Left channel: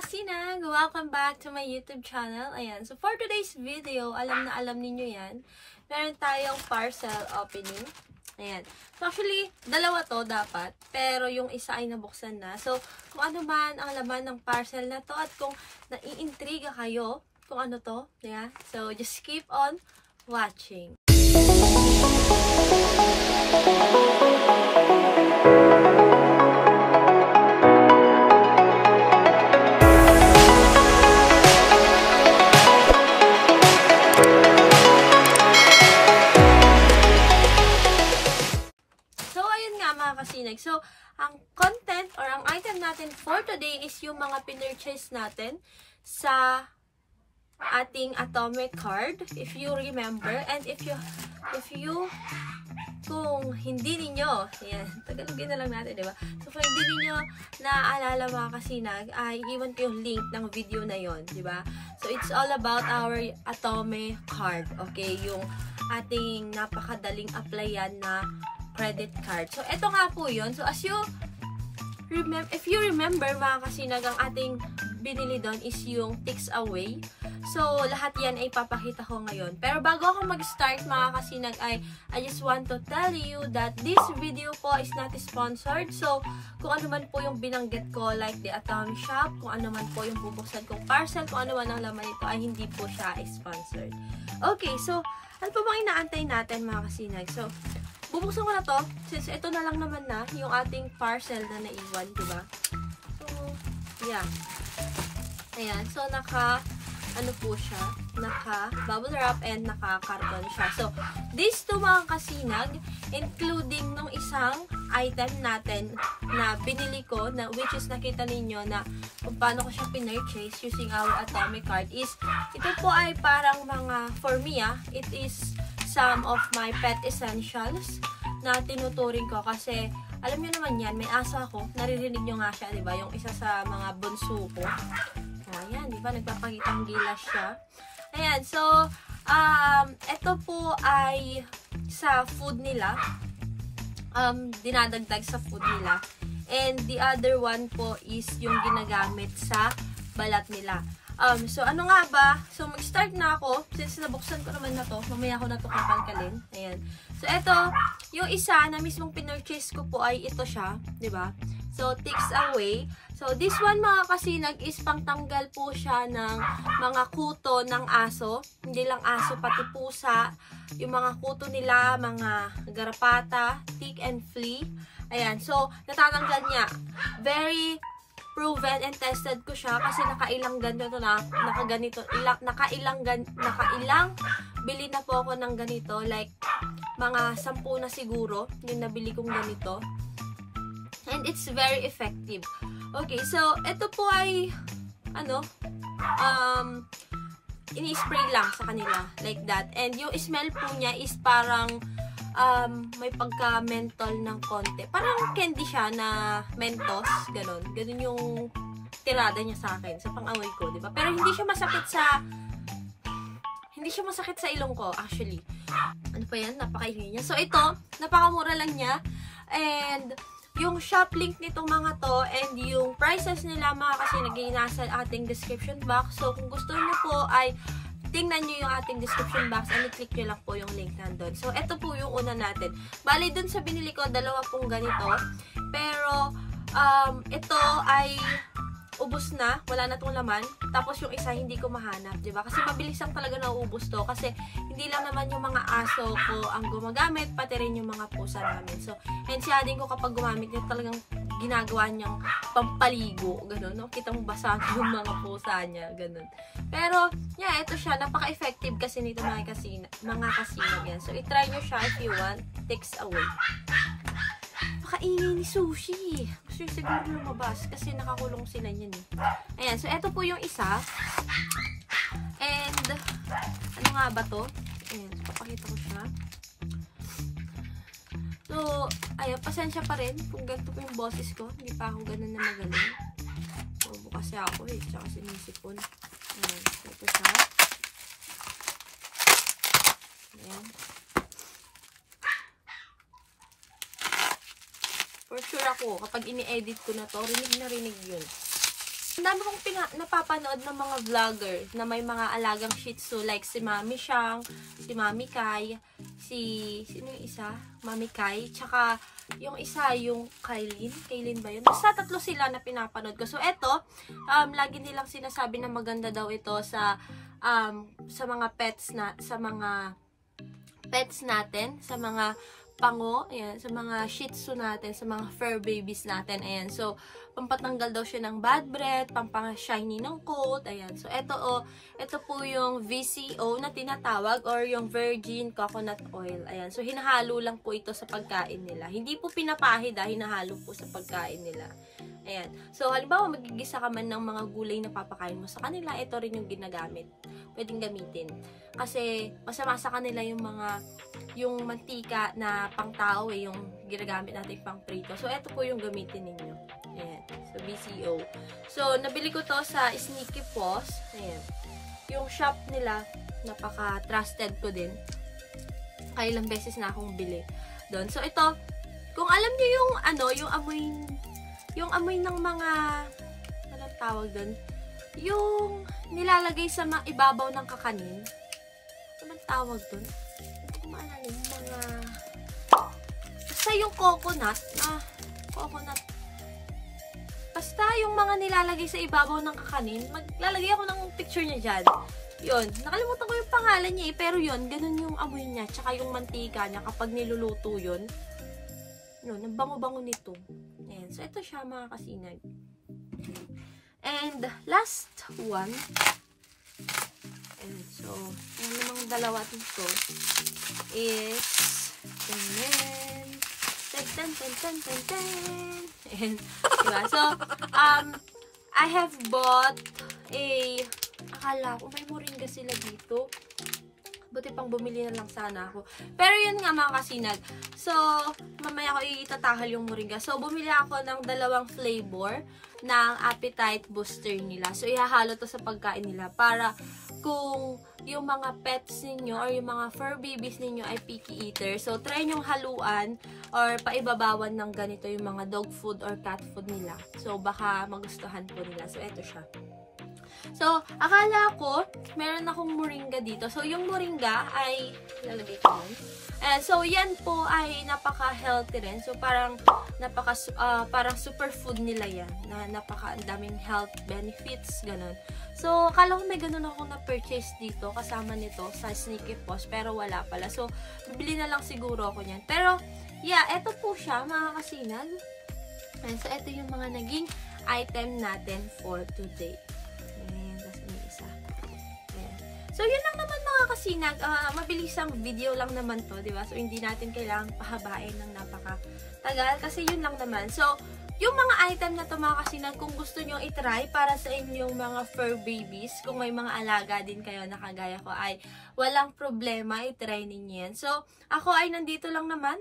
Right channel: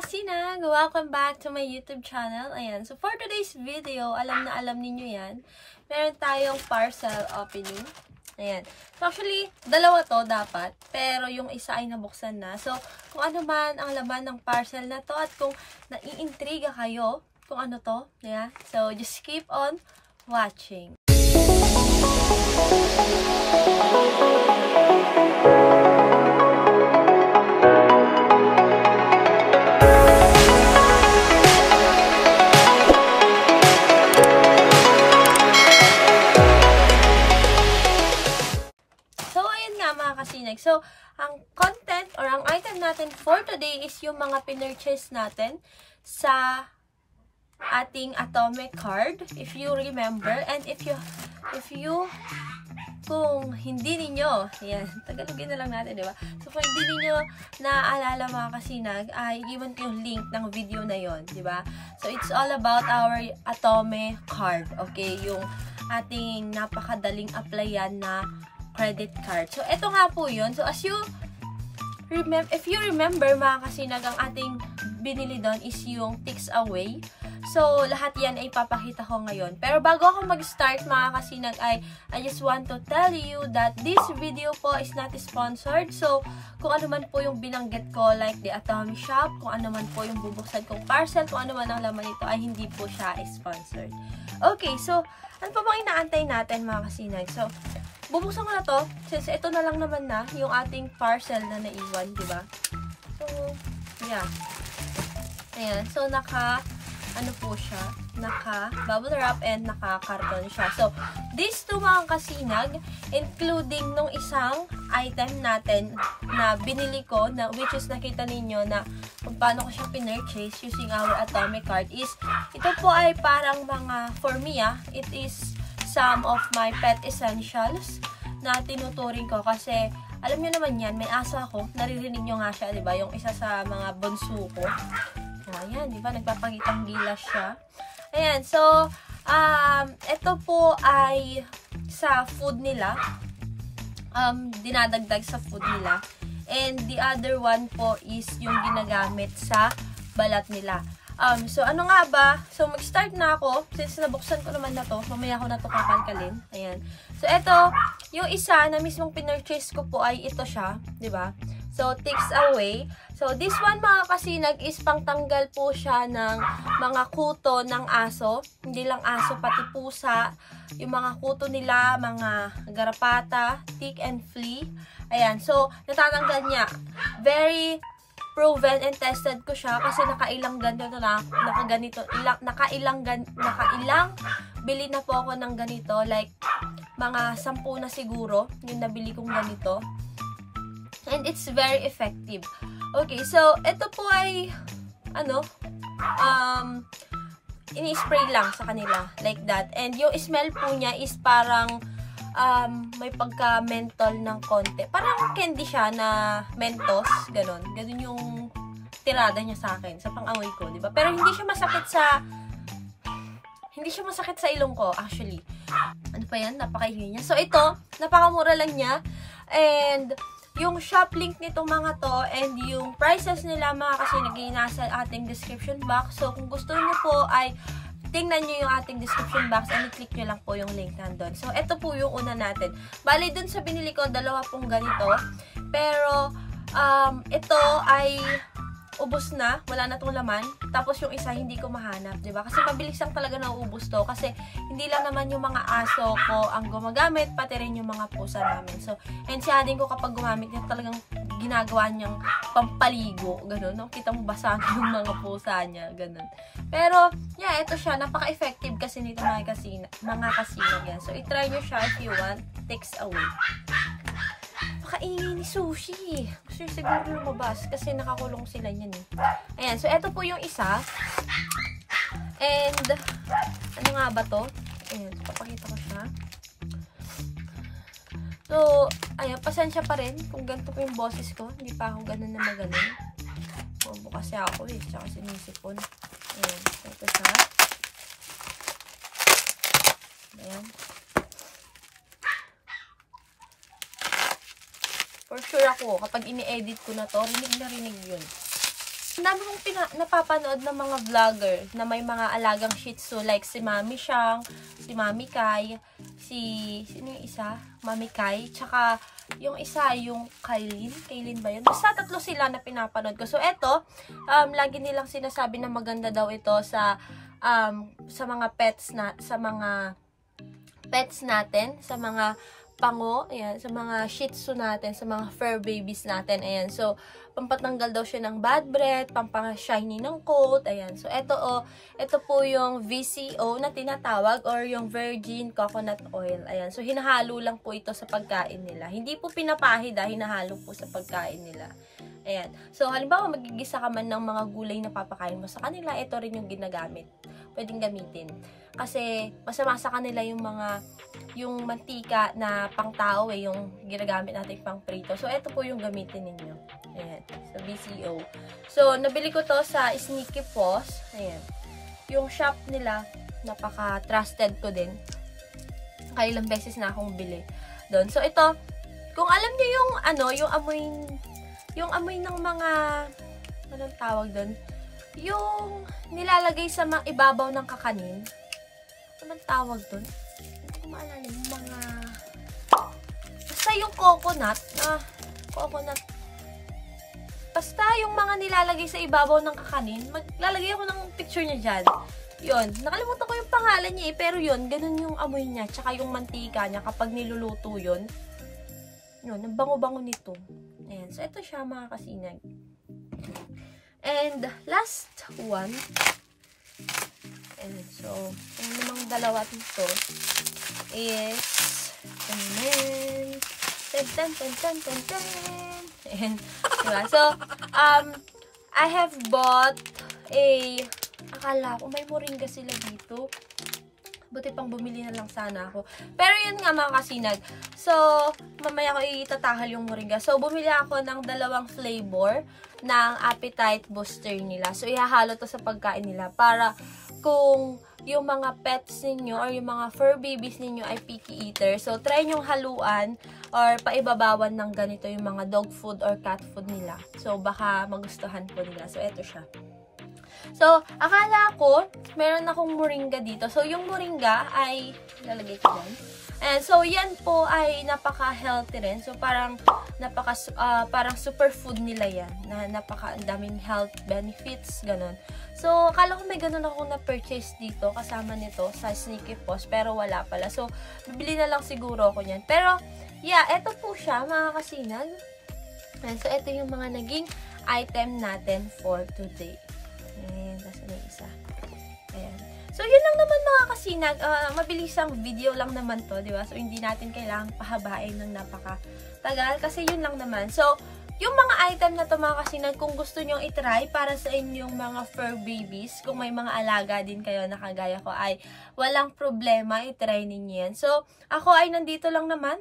kasinag! Welcome back to my YouTube channel. Ayan. So, for today's video, alam na alam ninyo yan. Meron tayong parcel opening. Ayan. So, actually, dalawa to dapat. Pero yung isa ay nabuksan na. So, kung ano man ang laman ng parcel na to at kung naiintriga kayo kung ano to. Yeah. So, just keep on watching. So, ang content or ang item natin for today is yung mga pinurchase natin sa ating atomic card, if you remember. And if you kung hindi ninyo, yan, Tagalogin na lang natin, di ba? So, kung hindi ninyo naaalala mga kasinag, ay iwan ko yung link ng video na yon, di ba? So, it's all about our atomic card, okay? Yung ating napakadaling applyan na credit card. So, ito nga po yun. So, if you remember, mga kasinag, ang ating binili doon is yung Tix Away. So, lahat yan ay papakita ko ngayon. Pero bago ako mag-start, mga kasinag, I just want to tell you that this video po is not sponsored. So, kung ano man po yung binanggit ko, like the Atomic Shop, kung ano man po yung bubuksan kong parcel, kung ano man ang laman nito, ay hindi po siya sponsored. Okay, so, ano pa bang inaantay natin, mga kasinag? So, bubuksan ko na to, since ito na lang naman na yung ating parcel na naiwan, di ba? So, yeah. Ayan. So, ano po siya? Naka-bubble wrap and naka-carton siya. So, these two mga kasinag, including nung isang item natin na binili ko, which is nakita ninyo na kung paano ko siya pinurchase using our atomic card, is, ito po ay parang mga, for me it is some of my pet essentials na tinuturing ko kasi alam nyo naman yan, may aso ako, naririnig nyo nga siya, diba? Yung isa sa mga bunso ko. O, ayan, diba? Nagpapakitang gilas siya. Ayan, so, ito po ay sa food nila. Dinadagdag sa food nila. And the other one po is yung ginagamit sa balat nila. So, ano nga ba? So, mag-start na ako. Since nabuksan ko naman na to, mamaya ko na to kakalkalin. Ayan. So, ito, yung isa na mismong pinurchase ko po ay ito siya. Diba? So, Tix Away. So, this one mga kasinag is pangtanggal po siya ng mga kuto ng aso. Hindi lang aso, pati pusa. Yung mga kuto nila, mga garapata, tick and flea. Ayan. So, natatanggal niya. Very proven and tested ko siya kasi nakailang bili na po ako ng ganito, like mga 10 na siguro yung nabili kong ganito, and it's very effective. Okay, so ito po ay ini-spray lang sa kanila like that, and yung smell po niya is parang may pagka-mentol ng konti. Parang candy siya na Mentos, ganun. Ganun yung tirada niya sa akin, sa pang-amoy ko, diba? Pero hindi siya masakit sa ilong ko, actually. Ano pa yan? Napakaingay niya. So, ito, napakamura lang niya. And, yung shop link nitong mga to, and yung prices nila, mga kasi nasa ating description box. So, kung gusto niyo po ay tingnan nyo yung ating description box and i-click nyo lang po yung link nandun. So, ito po yung una natin. Bali, dun sa binili ko, dalawa pong ganito. Pero, ito ay ubos na. Wala na tong laman. Tapos, yung isa, hindi ko mahanap. Diba? Kasi mabilis lang talaga nauubos to. Kasi, hindi lang naman yung mga aso ko ang gumagamit, pati rin yung mga pusa namin. So, and siya din ko kapag gumamit, yung talagang ginagawa niyang pampaligo. Ganun, no? Kita mo basa yung mga pusa niya. Ganun. Pero, yeah, ito siya. Napaka-effective kasi nito mga kasinag yan. So, itry nyo siya if you want. Tix Away. Pakaingay ni Sushi. Gusto nyo siguro lumabas kasi nakakulong sila yan eh. Ayan. So, ito po yung isa. And, ano nga ba to? Ayan. So, papakita ko siya. So, ayan. Pasensya pa rin kung ganito po yung boses ko. Hindi pa ako ganun na magaling. Bobo kasi ako eh. Tsaka sinisipon. Ayan. So, ito siya. Ayan. For sure ako, kapag ini-edit ko na to, rinig na rinig yun. Ang dami kong napapanood ng mga vlogger na may mga alagang Shih Tzu like si Mami Shang, si Mami Kai, sino yung isa? Mami Kai, tsaka yung isa, yung Kailin ba yun? Basta tatlo sila na pinapanood ko. So, eto, lagi nilang sinasabi na maganda daw ito sa mga pets natin, sa mga pango, ayan, sa mga Shih Tzu natin, sa mga fur babies natin, ayan. So, pampatanggal daw siya ng bad breath, pampang-shiny ng coat, ayan. So, ito po yung VCO na tinatawag or yung virgin coconut oil, ayan. So, hinahalo lang po ito sa pagkain nila. Hindi po pinapahid, hinahalo po sa pagkain nila. Ayan. So, halimbawa, magigisa ka man ng mga gulay na papakain mo sa kanila, ito rin yung ginagamit. Pwedeng gamitin. Kasi, masama sa kanila yung mantika na pang tao yung ginagamit natin pang prito. So, ito po yung gamitin ninyo. Ayan. So, VCO. So, nabili ko to sa Sneaky Paws. Ayan. Yung shop nila, napaka-trusted ko din. Kaya ilang beses na akong bili doon. So, ito, kung alam niyo yung amoy ng mga, anong tawag doon? Yung nilalagay sa ibabaw ng kakanin. Anong tawag doon? Hindi ko maalala yung mga, basta yung coconut, basta yung mga nilalagay sa ibabaw ng kakanin, maglalagay ako ng picture niya dyan. Yun, nakalimutan ko yung pangalan niya pero yun, ganun yung amoy niya, tsaka yung mantika niya kapag niluluto yun. Yun, ang bango-bango nito. Ayan, so ito siya mga kasinag. And last one, and so, yung limang dalawa dito is, and, diba? So, I have bought akala ko may moringa sila dito. Buti pang bumili na lang sana ako. Pero yun nga mga kasinag. So, mamaya ko itatahal yung moringa. So, bumili ako ng 2 flavor ng appetite booster nila. So, ihahalo to sa pagkain nila para kung yung mga pets ninyo or yung mga fur babies ninyo ay picky eater. So, try nyong haluan or paibabawan ng ganito yung mga dog food or cat food nila. So, baka magustuhan po nila. So, eto siya. So, akala ko, meron akong moringa dito. So, yung moringa ay, lalagay ko lang. And so, yan po ay napaka-healthy rin. So, parang superfood nila yan. Na napaka-daming health benefits, ganun. So, akala ko may ganun ako na-purchase dito, kasama nito sa Sneaky Paws, pero wala pala. So, bibili na lang siguro ako yan. Pero, yeah, eto po siya, mga kasinag. And so, eto yung mga naging item natin for today. So, yun lang naman mga kasinag. Mabilisang video lang naman to, di ba? So, hindi natin kailangang pahabain ng napakatagal kasi yun lang naman. So, yung mga item na to mga kasinag, kung gusto nyo itry para sa inyong mga fur babies, kung may mga alaga din kayo na kagaya ko, ay walang problema, itry ninyo yan. So, ako ay nandito lang naman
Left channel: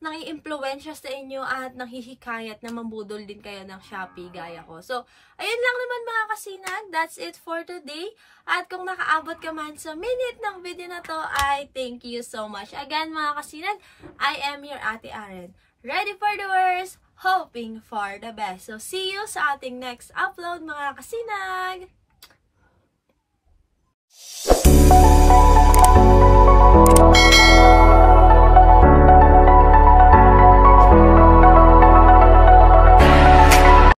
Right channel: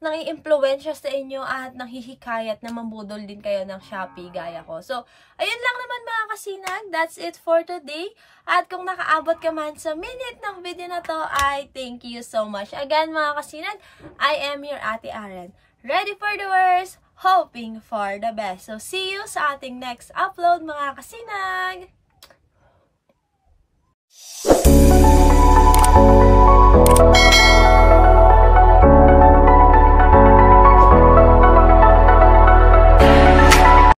nang-i-impluwensya sa inyo at nanghihikayat na mambudol din kayo ng Shopee gaya ko. So, ayun lang naman mga kasinag. That's it for today. At kung nakaabot ka man sa minute ng video na to, ay thank you so much. Again mga kasinag, I am your Ate Aren. Ready for the worst, hoping for the best. So, see you sa ating next upload mga kasinag!